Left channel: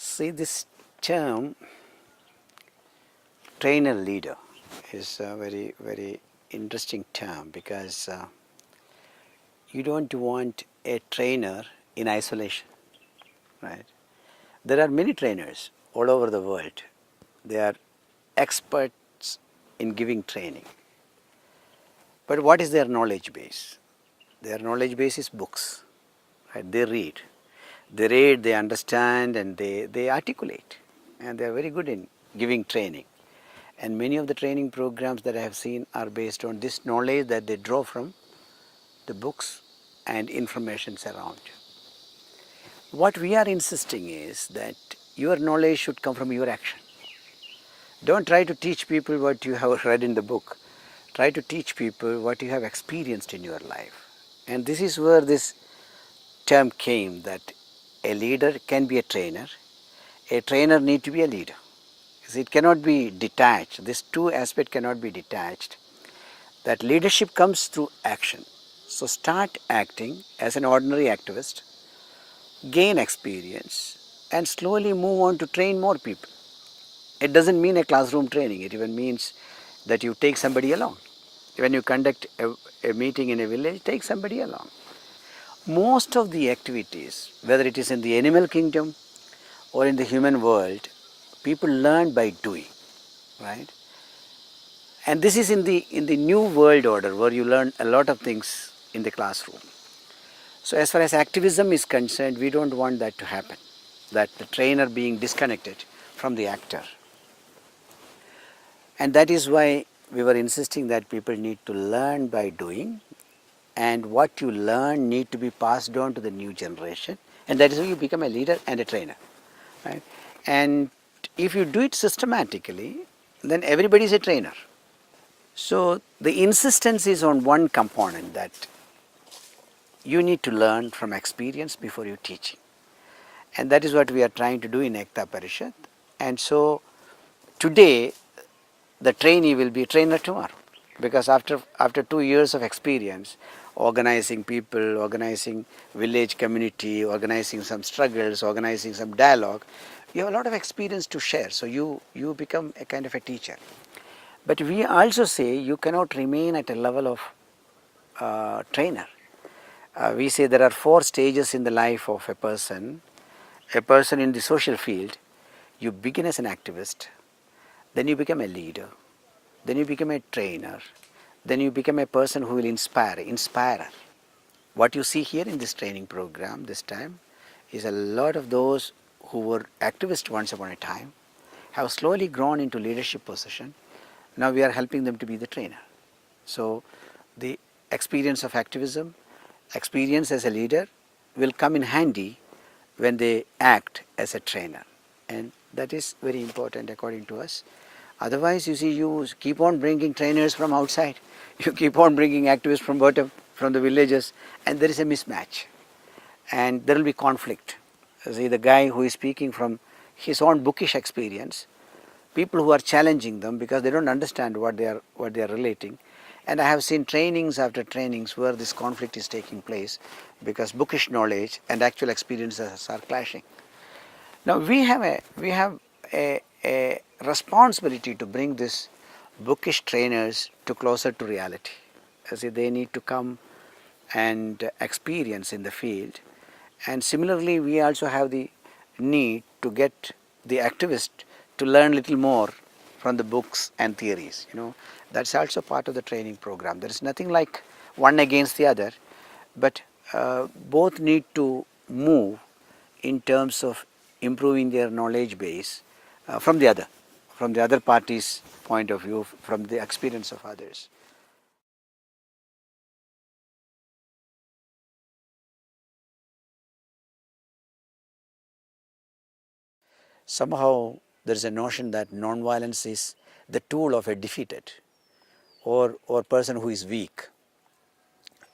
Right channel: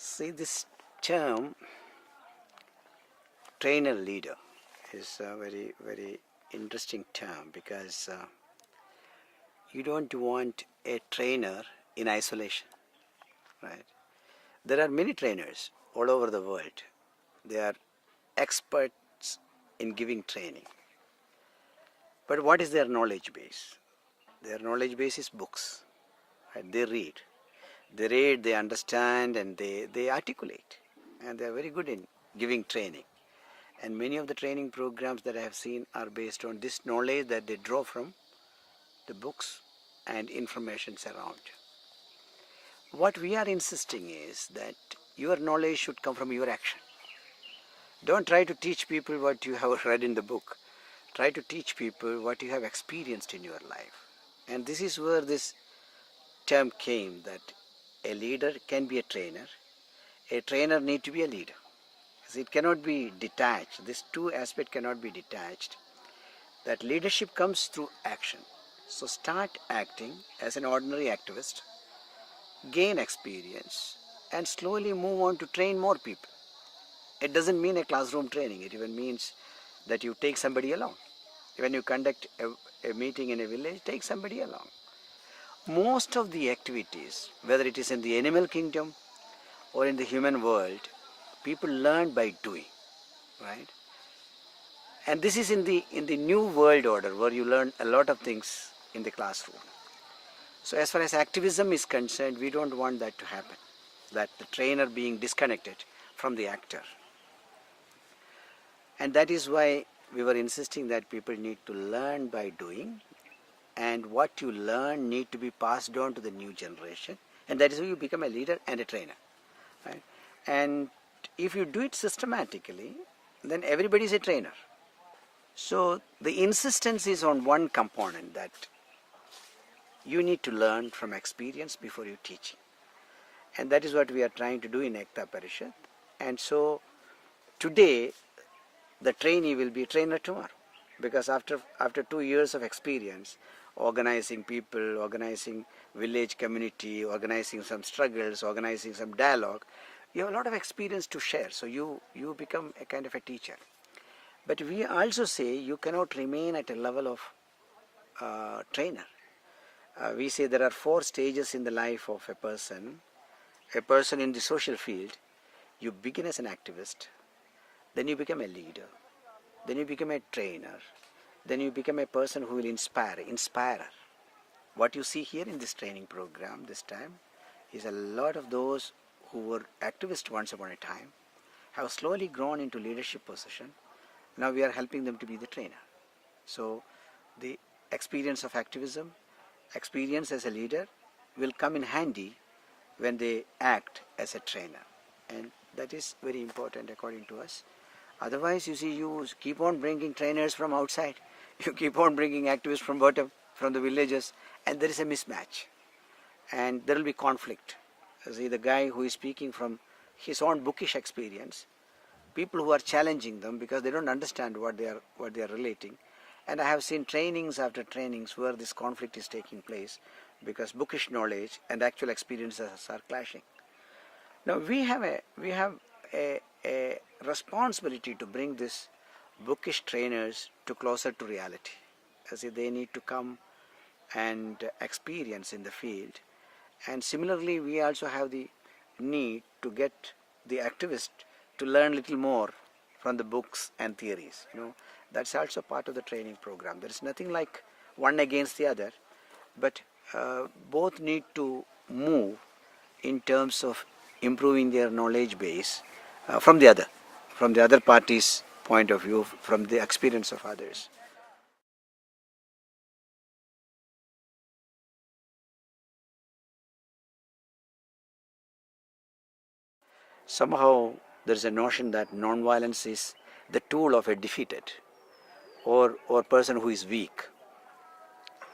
See, this term trainer leader is a very, very interesting term because you don't want a trainer in isolation, right? There are many trainers all over the world. They are experts in giving training. But what is their knowledge base? Their knowledge base is books. Right? They read, they understand, and they articulate. And they are very good in giving training. And many of the training programs that I have seen are based on this knowledge that they draw from the books and information around. What we are insisting is that your knowledge should come from your action. Don't try to teach people what you have read in the book. Try to teach people what you have experienced in your life. And this is where this term came, that a leader can be a trainer need to be a leader. It cannot be detached. These two aspects cannot be detached. That leadership comes through action. So start acting as an ordinary activist, gain experience, and slowly move on to train more people. It doesn't mean a classroom training. It even means that you take somebody along. When you conduct a meeting in a village, take somebody along. Most of the activities, whether it is in the animal kingdom or in the human world, people learn by doing, right? And this is in the new world order where you learn a lot of things in the classroom. So as far as activism is concerned, we don't want that to happen, that the trainer being disconnected from the actor. And that is why we were insisting that people need to learn by doing, and what you learn need to be passed on to the new generation, and that is how you become a leader and a trainer, right? And if you do it systematically, then everybody is a trainer. So the insistence is on one component, that you need to learn from experience before you teach. And that is what we are trying to do in Ekta Parishad. And so today the trainee will be a trainer tomorrow, because after 2 years of experience, organizing people, organizing village community, organizing some struggles, organizing some dialogue, you have a lot of experience to share. So you become a kind of a teacher. But we also say you cannot remain at a level of trainer. We say there are 4 stages in the life of a person. A person in the social field, you begin as an activist, then you become a leader, then you become a trainer, then you become a person who will inspirer. What you see here in this training program this time is a lot of those who were activists once upon a time, have slowly grown into leadership position. Now we are helping them to be the trainer. So the experience of activism, experience as a leader will come in handy when they act as a trainer. And that is very important according to us. Otherwise, you see, you keep on bringing trainers from outside. You keep on bringing activists from bottom, from the villages, and there is a mismatch. And there will be conflict. See, the guy who is speaking from his own bookish experience, people who are challenging them because they don't understand what they are relating. And I have seen trainings after trainings where this conflict is taking place because bookish knowledge and actual experiences are clashing. Now we have a responsibility to bring this bookish trainers to closer to reality. As they need to come and experience in the field. And similarly, we also have the need to get the activist to learn little more from the books and theories. That's also part of the training program. There is nothing like one against the other, but both need to move in terms of improving their knowledge base from the other party's point of view, from the experience of others. Somehow there is a notion that non-violence is the tool of a defeated or person who is weak.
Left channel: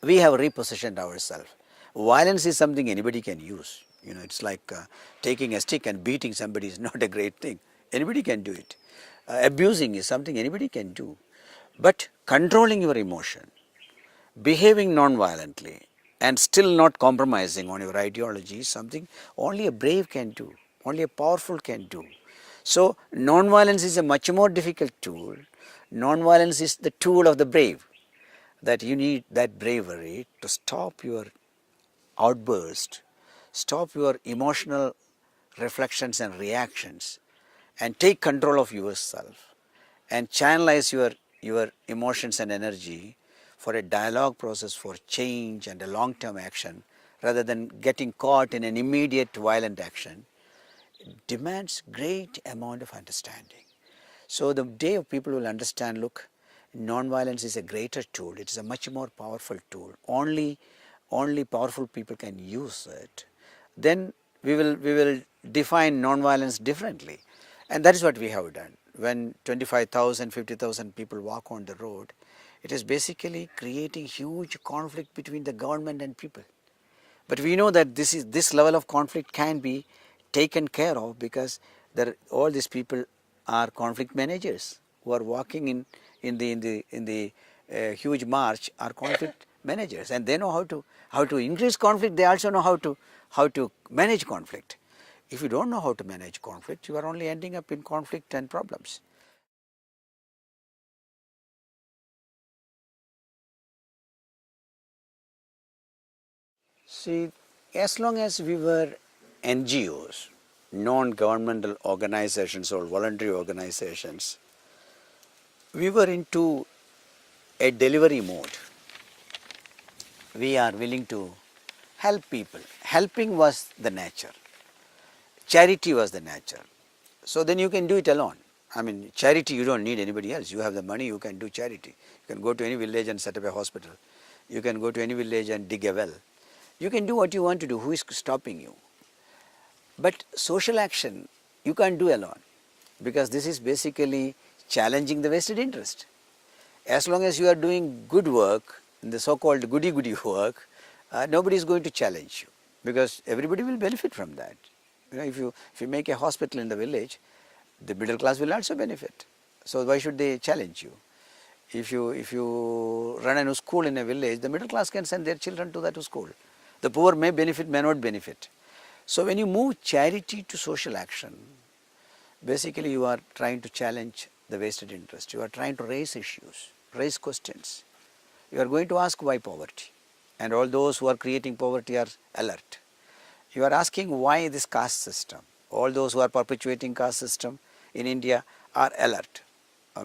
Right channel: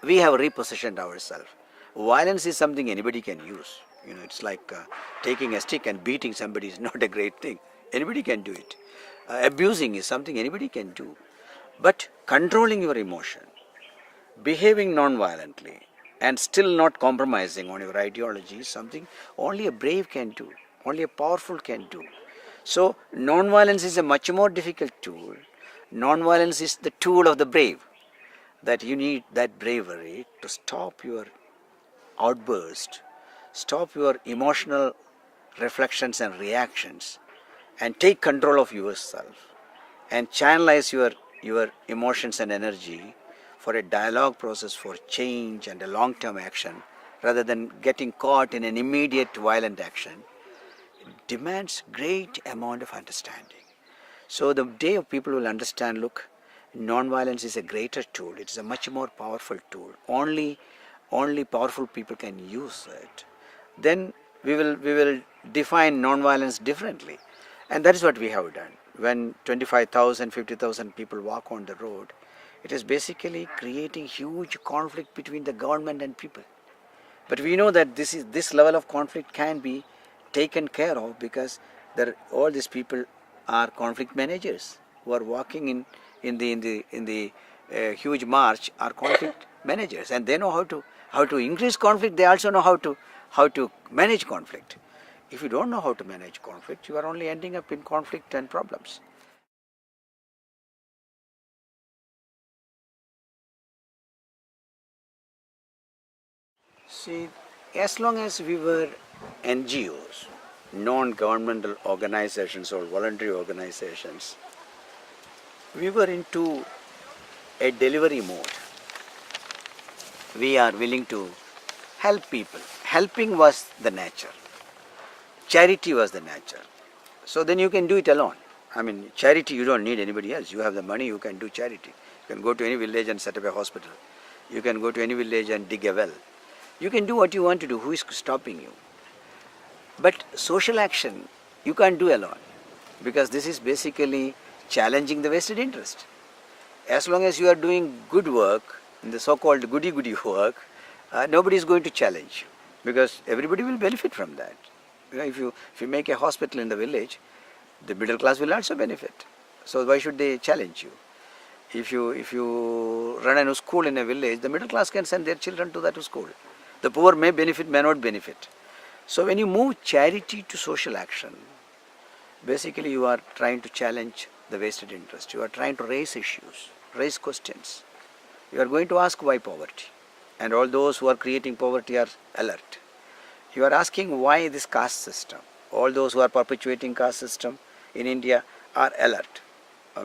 We have repositioned ourselves. Violence is something anybody can use. It's like taking a stick and beating somebody is not a great thing. Anybody can do it. Abusing is something anybody can do. But controlling your emotion, behaving non-violently, and still not compromising on your ideology is something only a brave can do. Only a powerful can do. So non-violence is a much more difficult tool. Non-violence is the tool of the brave. That you need that bravery to stop your outburst, stop your emotional reflections and reactions, and take control of yourself and channelize your emotions and energy for a dialogue process for change and a long-term action rather than getting caught in an immediate violent action demands great amount of understanding. So the day of people will understand, look, non-violence is a greater tool. It's a much more powerful tool. Only powerful people can use it. Then we will define non-violence differently. And that is what we have done. When 25,000, 50,000 people walk on the road, it is basically creating huge conflict between the government and people. But we know that this level of conflict can be taken care of because all these people are conflict managers who are walking in the huge march are conflict managers, and they know how to increase conflict. They also know how to manage conflict. If you don't know how to manage conflict, you are only ending up in conflict and problems. See, as long as we were NGOs, non-governmental organizations or voluntary organizations, we were into a delivery mode. We are willing to help people. Helping was the nature. Charity was the nature. So then you can do it alone. I mean, charity, you don't need anybody else. You have the money, you can do charity. You can go to any village and set up a hospital. You can go to any village and dig a well. You can do what you want to do. Who is stopping you? But social action, you can't do alone, because this is basically challenging the vested interest. As long as you are doing good work, in the so-called goody-goody work, nobody is going to challenge you, because everybody will benefit from that. You know, if you make a hospital in the village, the middle class will also benefit. So why should they challenge you? If you run a school in a village, the middle class can send their children to that school. The poor may benefit, may not benefit. So when you move charity to social action, basically you are trying to challenge the vested interest. You are trying to raise issues, raise questions. You are going to ask why poverty, and all those who are creating poverty are alert. You are asking why this caste system. All those who are perpetuating caste system in India are alert,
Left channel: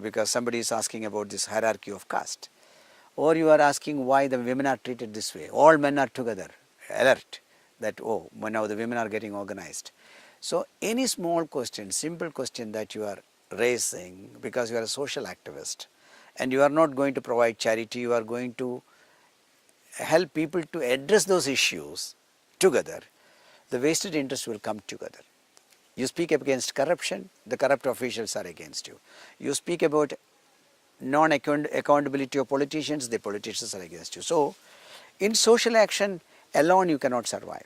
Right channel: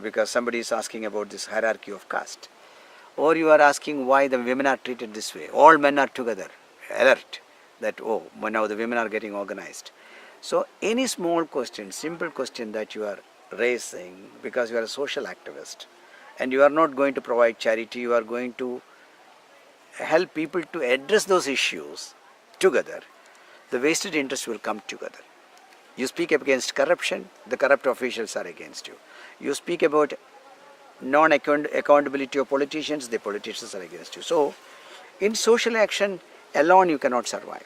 because somebody is asking about this hierarchy of caste. Or you are asking why the women are treated this way. All men are together, alert that, oh, now the women are getting organized. So any small question, simple question that you are raising because you are a social activist and you are not going to provide charity, you are going to help people to address those issues together, the vested interests will come together. You speak against corruption, the corrupt officials are against you. You speak about non-accountability of politicians, the politicians are against you. So in social action alone you cannot survive.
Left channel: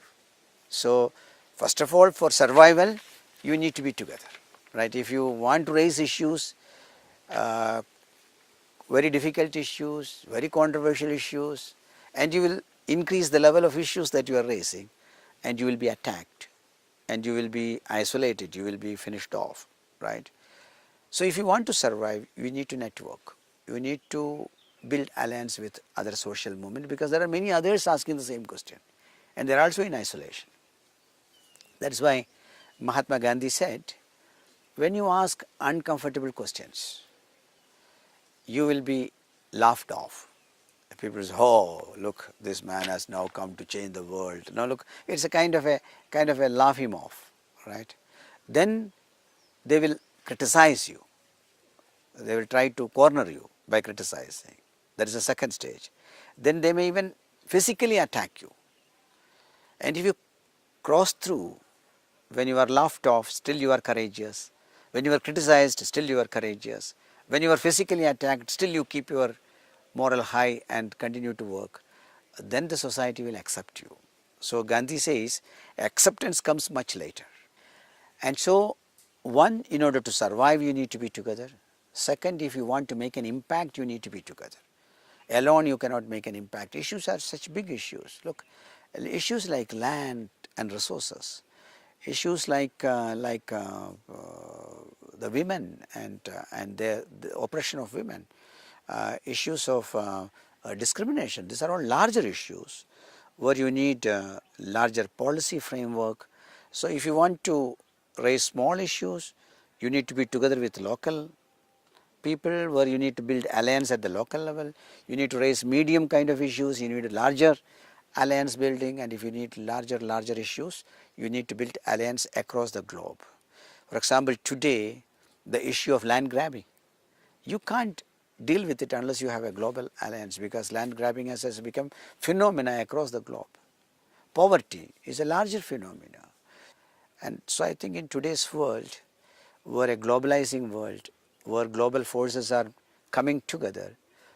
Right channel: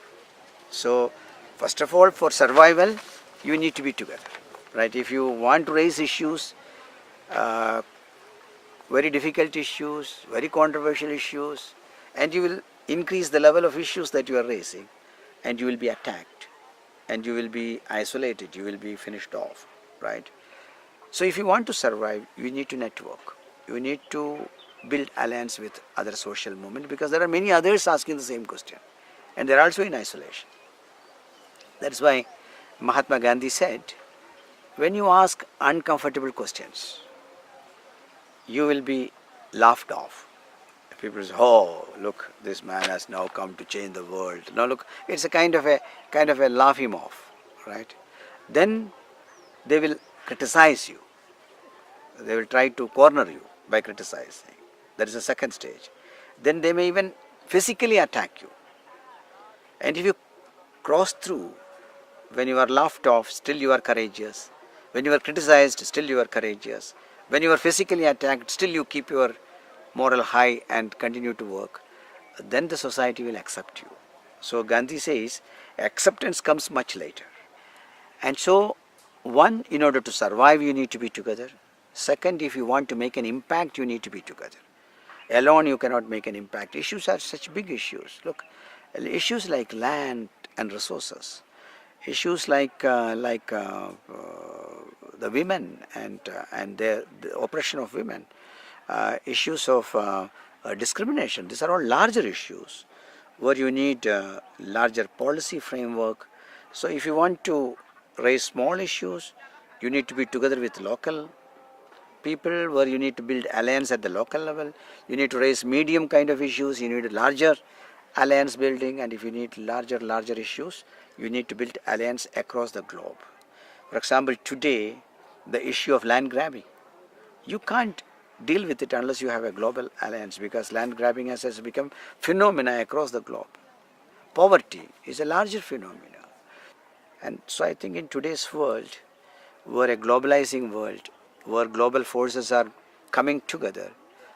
So first of all, for survival you need to be together, right? If you want to raise issues, very difficult issues, very controversial issues, and you will increase the level of issues that you are raising, and you will be attacked, and you will be isolated, you will be finished off, right? So if you want to survive, you need to network. You need to build alliance with other social movements, because there are many others asking the same question, and they are also in isolation. That's why Mahatma Gandhi said, when you ask uncomfortable questions, you will be laughed off. People say, oh, look, this man has now come to change the world. Now look, it's a kind of a laugh him off, right? Then they will criticize you. They will try to corner you by criticizing. That is the second stage. Then they may even physically attack you. And if you cross through, when you are laughed off, still you are courageous. When you are criticized, still you are courageous. When you are physically attacked, still you keep your moral high and continue to work. Then the society will accept you. So Gandhi says, acceptance comes much later. And so, one, in order to survive, you need to be together. Second, if you want to make an impact, you need to be together. Alone, you cannot make an impact. Issues are such big issues. Look, issues like land and resources. Issues like the women and the oppression of women, issues of discrimination. These are all larger issues where you need larger policy framework. So if you want to raise small issues, you need to be together with local people, where you need to build alliance at the local level. You need to raise medium kind of issues, you need larger alliance building, and if you need larger issues, you need to build alliance across the globe. For example, today the issue of land grabbing, you can't deal with it unless you have a global alliance, because land grabbing has become phenomena across the globe. Poverty is a larger phenomena. And so I think in today's world, where a globalizing world, where global forces are coming together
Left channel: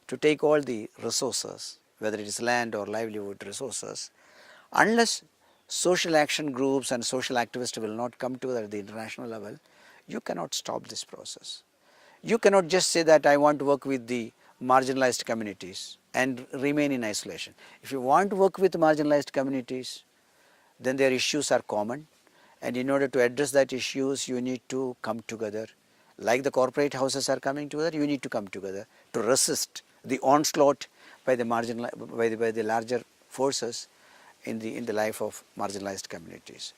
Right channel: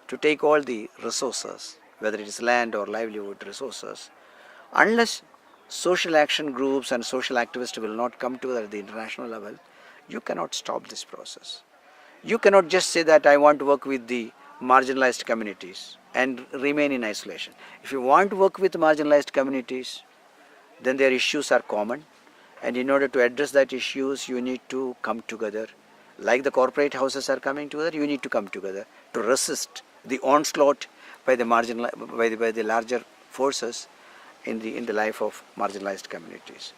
to take all the resources, whether it is land or livelihood resources, unless social action groups and social activists will not come together at the international level, you cannot stop this process. You cannot just say that I want to work with the marginalized communities and remain in isolation. If you want to work with marginalized communities, then their issues are common, and in order to address that issues, you need to come together. Like the corporate houses are coming together, you need to come together to resist the onslaught by the by the larger forces in the life of marginalized communities.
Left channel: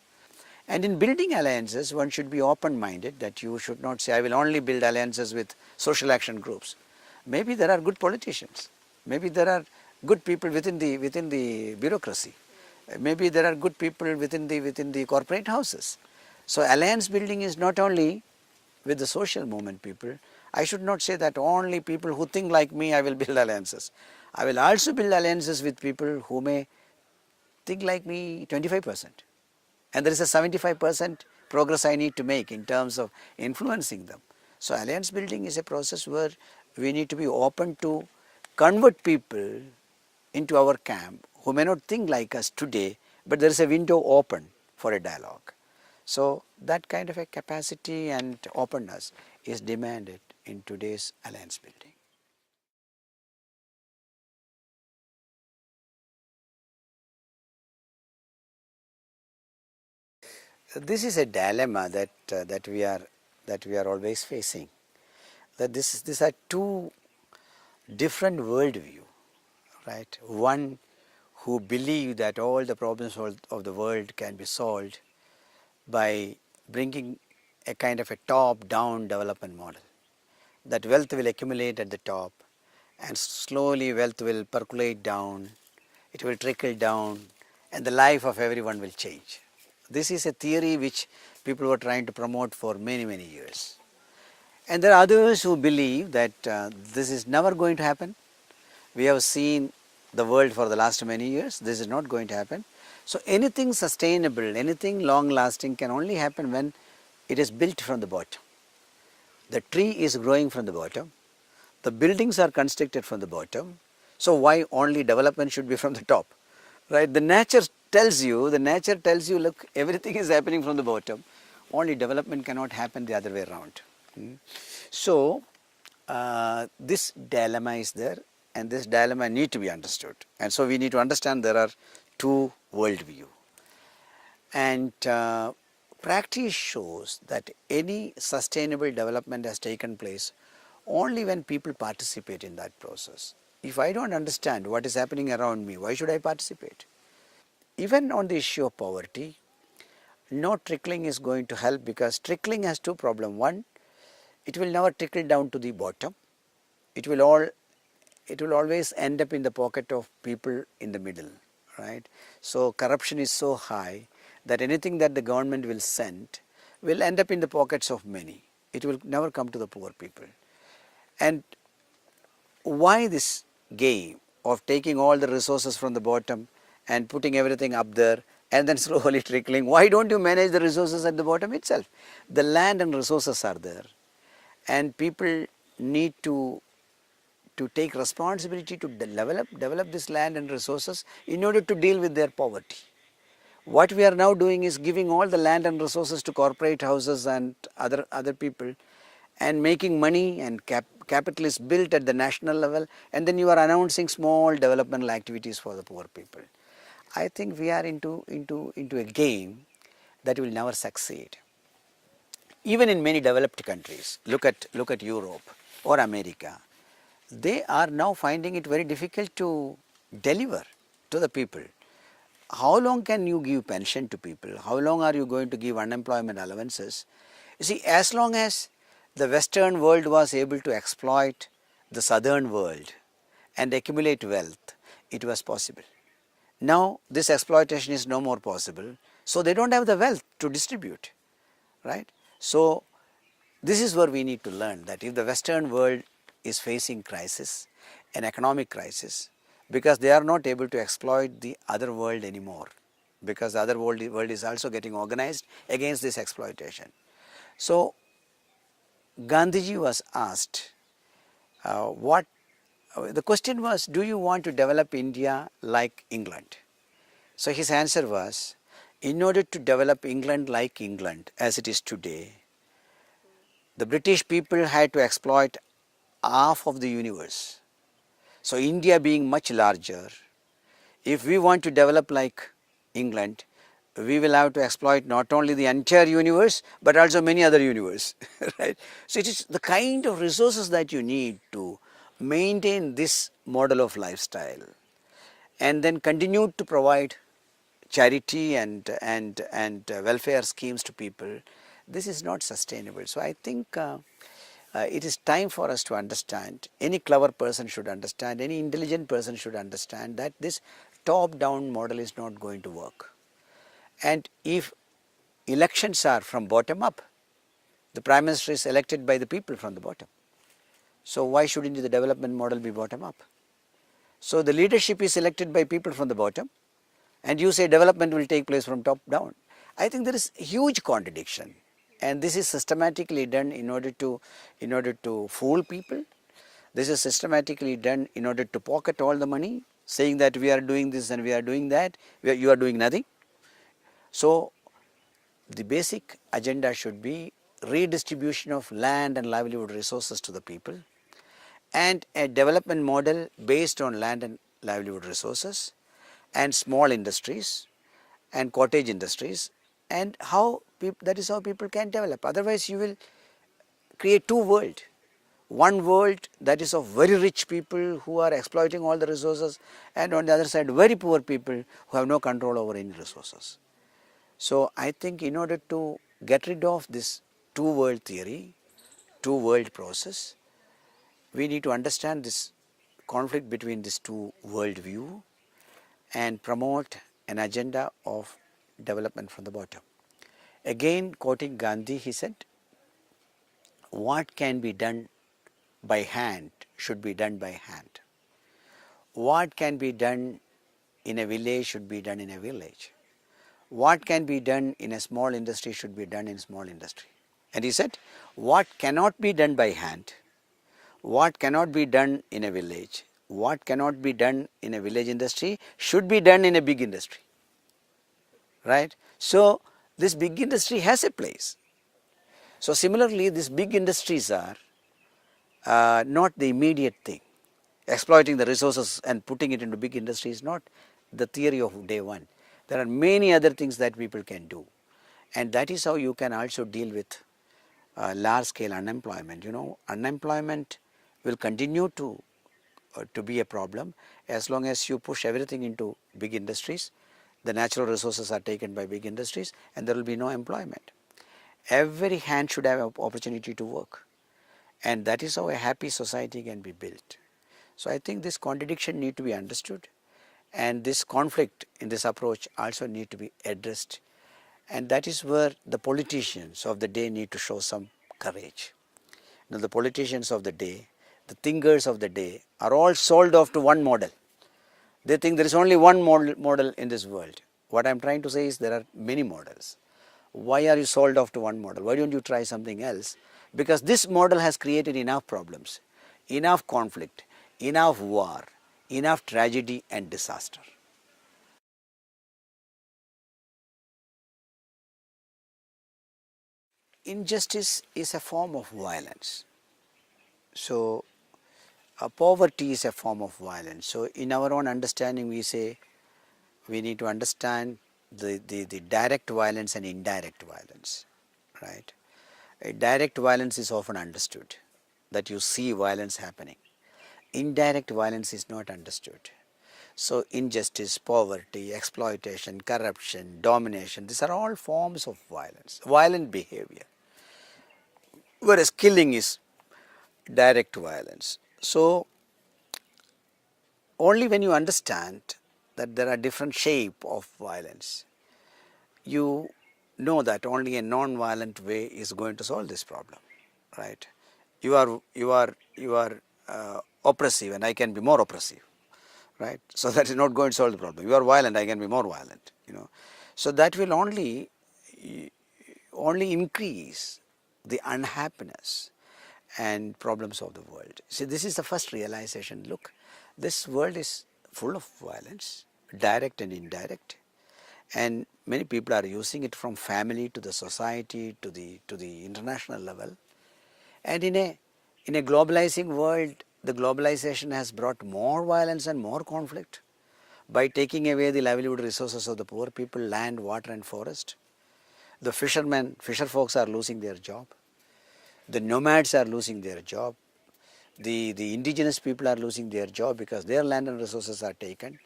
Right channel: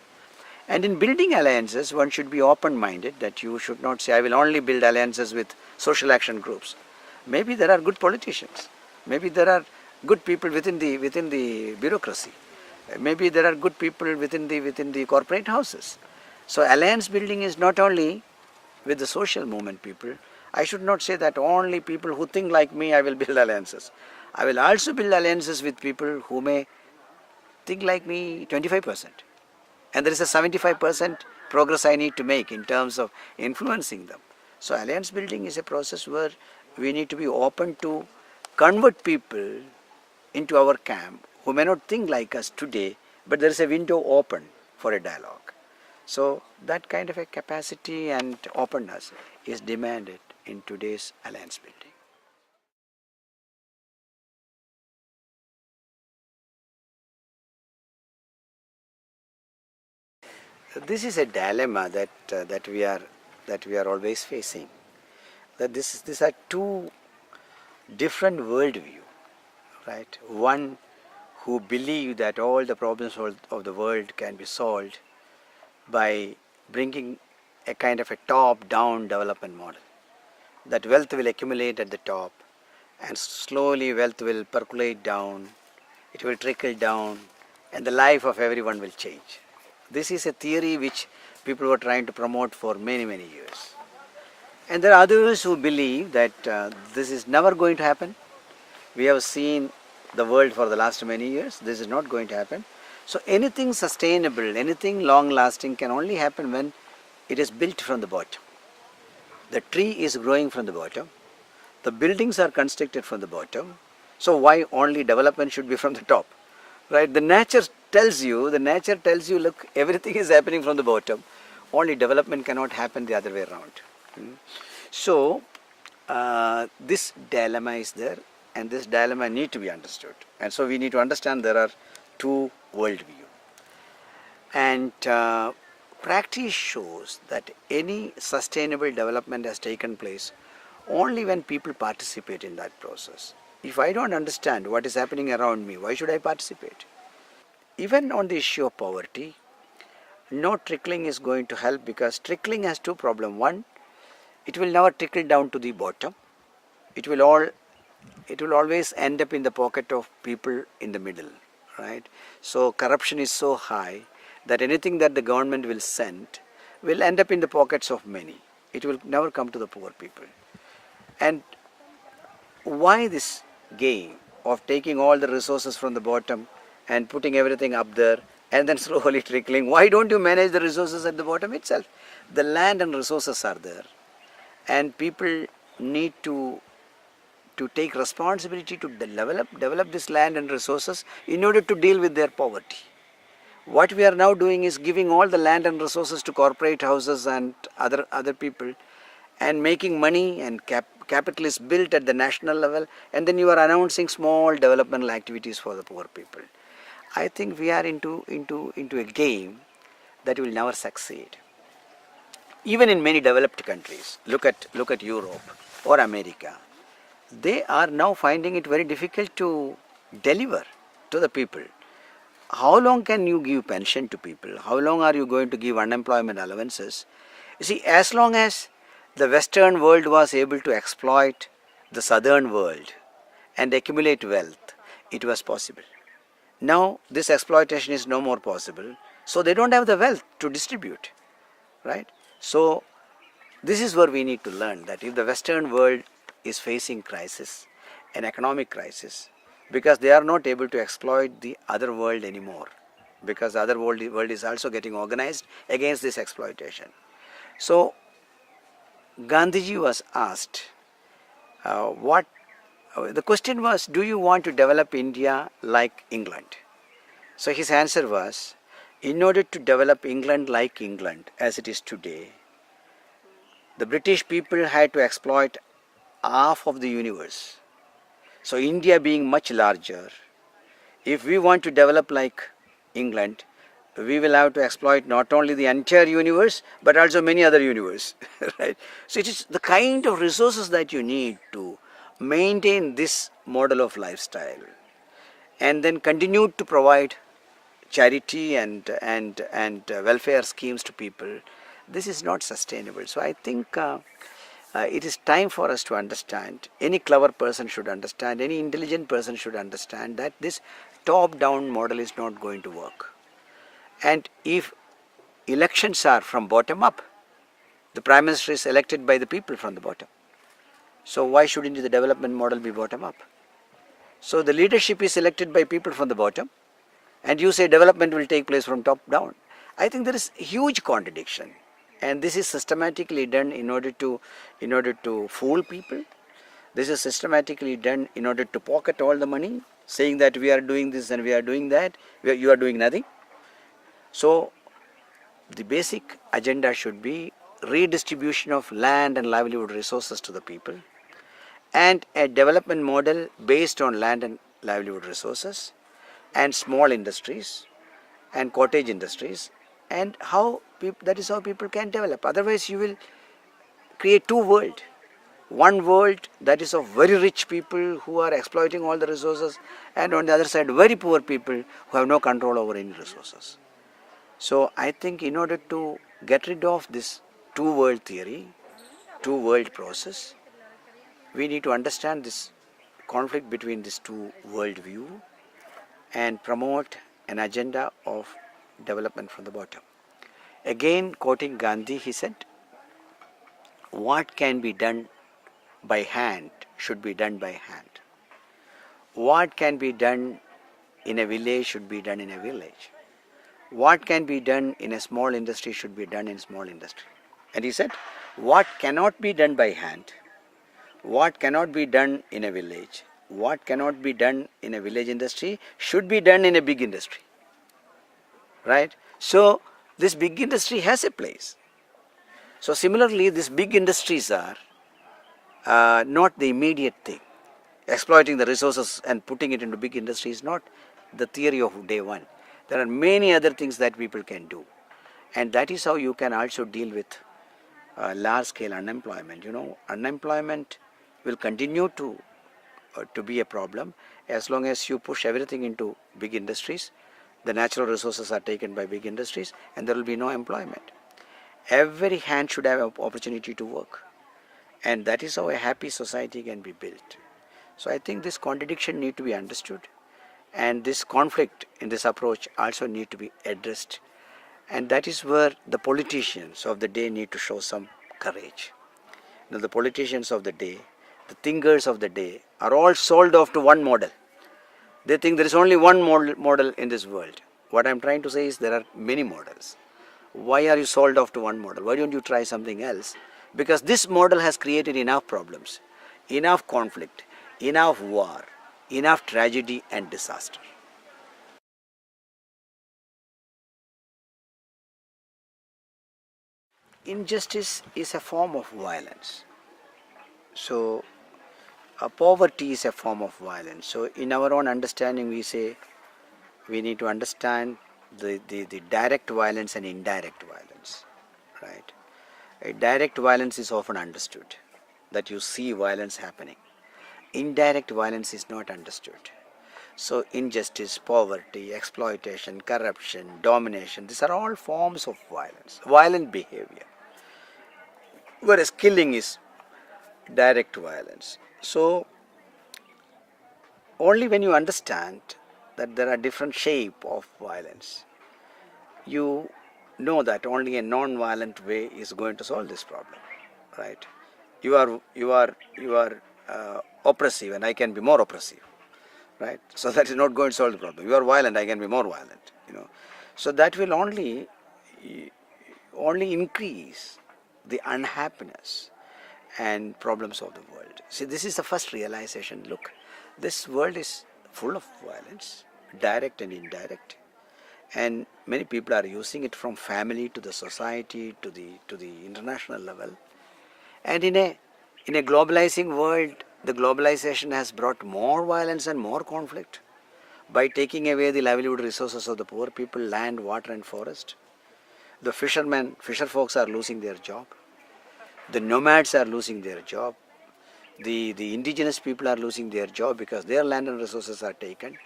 And in building alliances, one should be open-minded, that you should not say, I will only build alliances with social action groups. Maybe there are good politicians. Maybe there are good people within the bureaucracy. Maybe there are good people within the corporate houses. So alliance building is not only with the social movement people. I should not say that only people who think like me I will build alliances. I will also build alliances with people who may think like me 25%. And there is a 75% progress I need to make in terms of influencing them. So alliance building is a process where we need to be open to convert people into our camp who may not think like us today, but there is a window open for a dialogue. So that kind of a capacity and openness is demanded in today's alliance building. This is a dilemma that we are always facing. That these are two different worldview, right? One who believe that all the problems of the world can be solved by bringing a kind of a top-down development model. That wealth will accumulate at the top, and slowly wealth will percolate down, it will trickle down, and the life of everyone will change. This is a theory which people were trying to promote for many years. And there are others who believe that this is never going to happen. We have seen the world for the last many years. This is not going to happen. So anything sustainable, anything long lasting can only happen when it is built from the bottom. The tree is growing from the bottom. The buildings are constructed from the bottom. So why only development should be from the top? Right? The nature tells you, look, everything is happening from the bottom. Only development cannot happen the other way around. So this dilemma is there, and this dilemma need to be understood. And so we need to understand there are two worldview. And practice shows that any sustainable development has taken place only when people participate in that process. If I don't understand what is happening around me, why should I participate? Even on the issue of poverty, no trickling is going to help, because trickling has two problems. One, it will never trickle down to the bottom. It will always end up in the pocket of people in the middle, right? So corruption is so high that anything that the government will send will end up in the pockets of many. It will never come to the poor people. And why this game of taking all the resources from the bottom and putting everything up there and then slowly trickling? Why don't you manage the resources at the bottom itself? The land and resources are there, and people need to take responsibility to develop this land and resources in order to deal with their poverty. What we are now doing is giving all the land and resources to corporate houses and other people, and making money and capital is built at the national level, and then you are announcing small developmental activities for the poor people. I think we are into a game that will never succeed. Even in many developed countries, look at Europe or America, they are now finding it very difficult to deliver to the people. How long can you give pension to people? How long are you going to give unemployment allowances? You see, as long as the Western world was able to exploit the Southern world and accumulate wealth, it was possible. Now this exploitation is no more possible, so they don't have the wealth to distribute, right? So this is where we need to learn that if the Western world is facing crisis, an economic crisis, because they are not able to exploit the other world anymore, because the other world is also getting organized against this exploitation. So Gandhiji was asked, the question was, do you want to develop India like England? So his answer was, in order to develop England like England as it is today, the British people had to exploit half of the universe. So India being much larger, if we want to develop like England, we will have to exploit not only the entire universe but also many other universe, right? So it is the kind of resources that you need to maintain this model of lifestyle and then continue to provide charity and welfare schemes to people. This is not sustainable. So I think it is time for us to understand, any clever person should understand, any intelligent person should understand that this top-down model is not going to work. And if elections are from bottom up, the Prime Minister is elected by the people from the bottom. So why shouldn't the development model be bottom up? So the leadership is elected by people from the bottom, and you say development will take place from top down. I think there is huge contradiction, and this is systematically done in order to fool people. This is systematically done in order to pocket all the money, saying that we are doing this and we are doing that, you are doing nothing. So the basic agenda should be redistribution of land and livelihood resources to the people, and a development model based on land and livelihood resources and small industries and cottage industries, and that is how people can develop. Otherwise you will create two worlds. One world that is of very rich people who are exploiting all the resources, and on the other side very poor people who have no control over any resources. So I think in order to get rid of this two world theory, two world process, we need to understand this conflict between these two world view and promote an agenda of development from the bottom. Again, quoting Gandhi, he said, what can be done by hand should be done by hand. What can be done in a village should be done in a village. What can be done in a small industry should be done in small industry. And he said, what cannot be done by hand, what cannot be done in a village, what cannot be done in a village industry should be done in a big industry. Right? So this big industry has a place. So similarly, these big industries are not the immediate thing. Exploiting the resources and putting it into big industry is not the theory of day one. There are many other things that people can do, and that is how you can also deal with large scale unemployment. Unemployment will continue to be a problem as long as you push everything into big industries. The natural resources are taken by big industries and there will be no employment. Every hand should have an opportunity to work, and that is how a happy society can be built. So I think this contradiction need to be understood, and this conflict in this approach also need to be addressed, and that is where the politicians of the day need to show some courage. Now the politicians of the day, the thinkers of the day are all sold off to one model. They think there is only one model in this world. What I am trying to say is there are many models. Why are you sold off to one model? Why don't you try something else? Because this model has created enough problems, enough conflict, enough war, enough tragedy and disaster. Injustice is a form of violence. So poverty is a form of violence. So in our own understanding we say we need to understand the direct violence and indirect violence, right? A direct violence is often understood, that you see violence happening. Indirect violence is not understood. So injustice, poverty, exploitation, corruption, domination, these are all forms of violence, violent behavior. Whereas killing is direct violence. So only when you understand that there are different shape of violence, you know that only a non-violent way is going to solve this problem, right? You are oppressive, and I can be more oppressive, right? So that is not going to solve the problem. You are violent, I can be more violent, So that will only increase the unhappiness and problems of the world. See, this is the first realization. Look, this world is full of violence, direct and indirect, and many people are using it from family to the society to the international level. And in a globalizing world, the globalization has brought more violence and more conflict by taking away the livelihood resources of the poor people, land, water and forest. The fisher folks are losing their job. The nomads are losing their job. The indigenous people are losing their job because their land and resources are taken.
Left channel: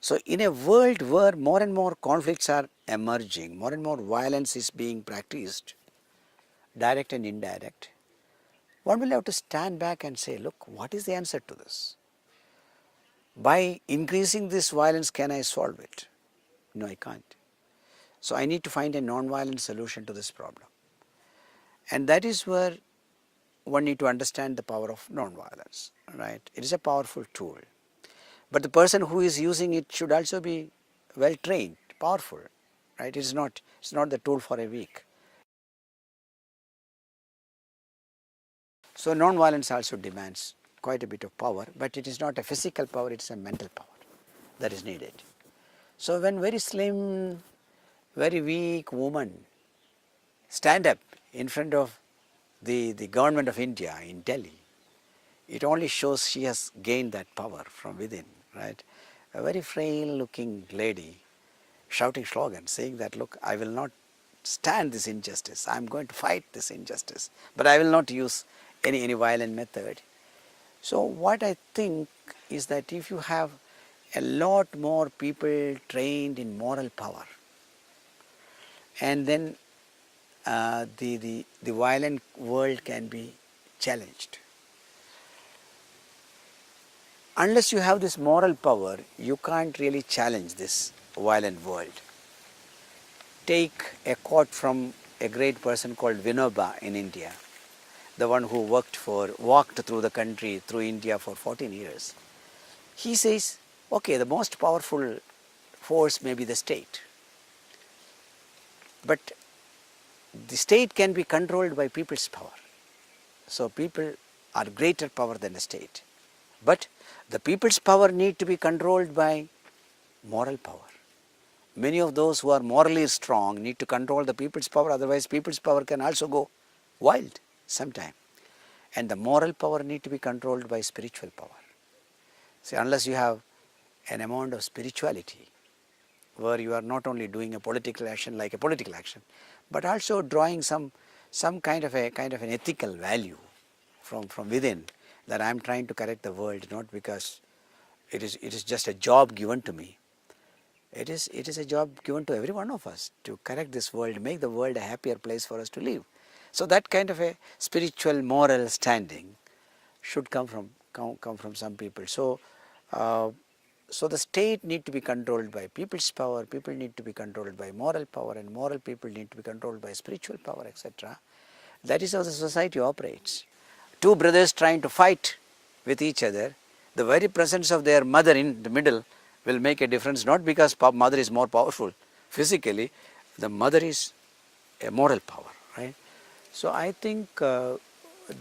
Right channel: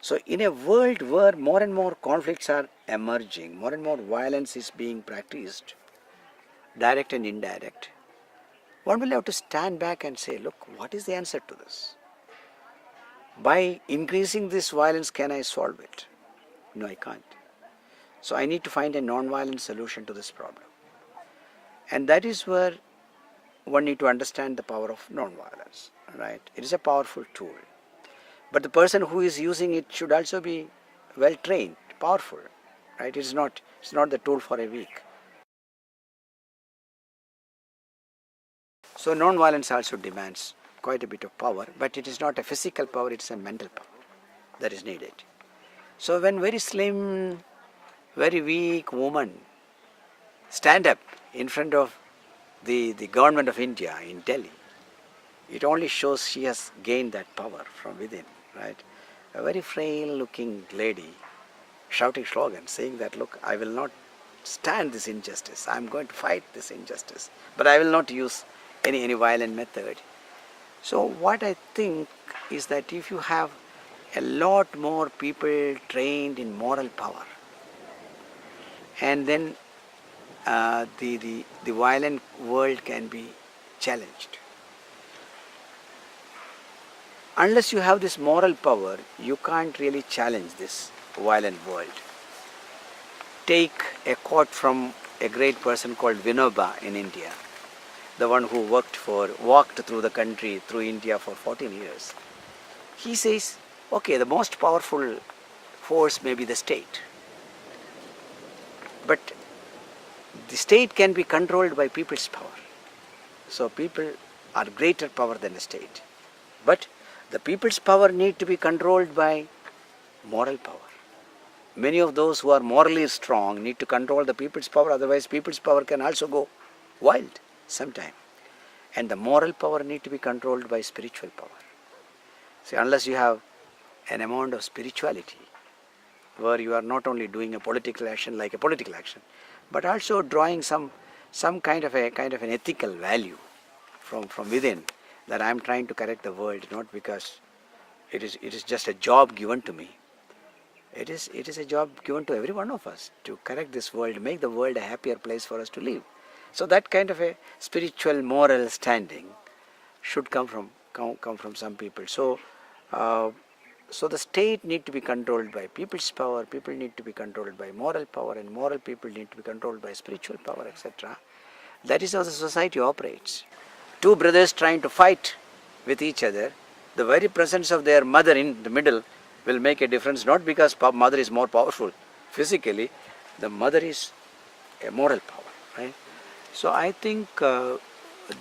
So in a world where more and more conflicts are emerging, more and more violence is being practiced, direct and indirect, one will have to stand back and say, look, what is the answer to this? By increasing this violence, can I solve it? No, I can't. So I need to find a non-violent solution to this problem. And that is where one need to understand the power of non-violence, right? It is a powerful tool. But the person who is using it should also be well trained, powerful, right? It's not the tool for a weak. So non-violence also demands quite a bit of power, but it is not a physical power, it's a mental power that is needed. So when very slim, very weak woman stand up in front of the government of India in Delhi, it only shows she has gained that power from within, right? A very frail looking lady shouting slogans saying that, look, I will not stand this injustice, I am going to fight this injustice, but I will not use any violent method. So what I think is that if you have a lot more people trained in moral power, and then the violent world can be challenged. Unless you have this moral power, you can't really challenge this violent world. Take a quote from a great person called Vinoba in India, the one who walked through the country, through India for 14 years. He says, okay, the most powerful force may be the state, but the state can be controlled by people's power. So people are greater power than a state. But the people's power need to be controlled by moral power. Many of those who are morally strong need to control the people's power, otherwise people's power can also go wild sometime. And the moral power need to be controlled by spiritual power. See, unless you have an amount of spirituality, where you are not only doing a political action like a political action, but also drawing some kind of an ethical value from within, that I am trying to correct the world, not because it is just a job given to me. It is a job given to every one of us to correct this world, make the world a happier place for us to live. So that kind of a spiritual moral standing should come from some people. So the state need to be controlled by people's power, people need to be controlled by moral power, and moral people need to be controlled by spiritual power, etc. That is how the society operates. Two brothers trying to fight with each other, the very presence of their mother in the middle will make a difference, not because mother is more powerful physically, the mother is a moral power, right? So I think the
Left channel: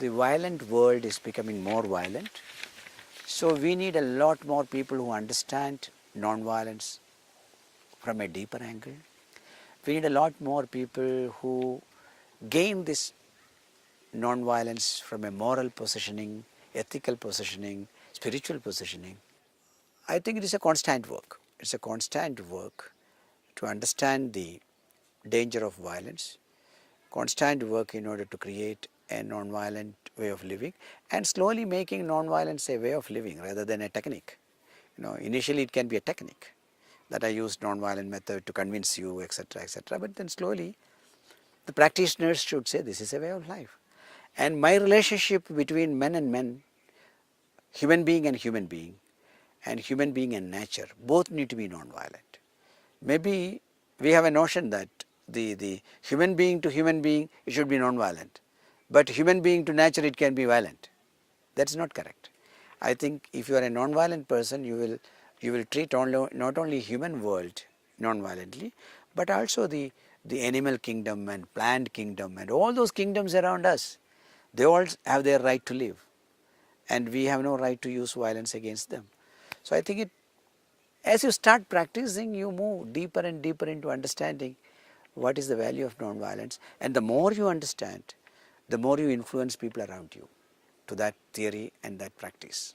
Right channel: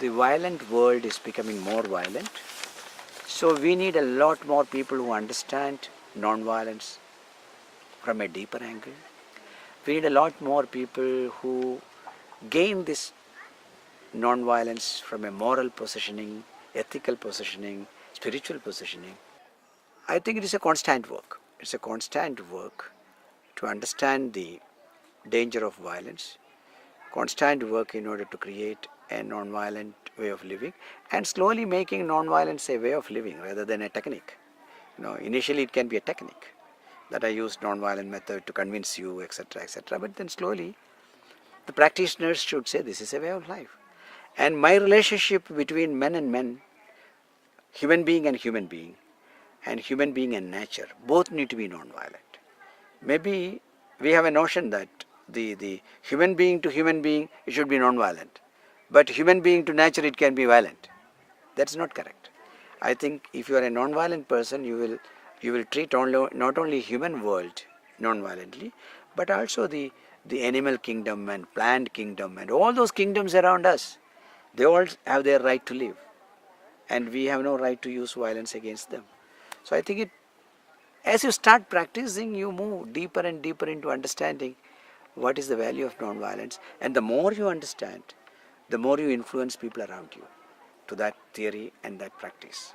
violent world is becoming more violent. So we need a lot more people who understand non-violence from a deeper angle. We need a lot more people who gain this non-violence from a moral positioning, ethical positioning, spiritual positioning. I think it is a constant work. It's a constant work to understand the danger of violence, constant work in order to create a non-violent way of living, and slowly making non-violence a way of living rather than a technique. Initially it can be a technique that I use non-violent method to convince you, etc., etc. But then slowly the practitioners should say this is a way of life. And my relationship between men and men, human being and human being and nature, both need to be non-violent. Maybe we have a notion that the human being to human being, it should be non-violent, but human being to nature, it can be violent. That's not correct. I think if you are a non-violent person, you will treat not only human world non-violently, but also the animal kingdom and plant kingdom and all those kingdoms around us. They all have their right to live, and we have no right to use violence against them. So I think as you start practicing, you move deeper and deeper into understanding what is the value of non-violence, and the more you understand, the more you influence people around you to that theory and that practice.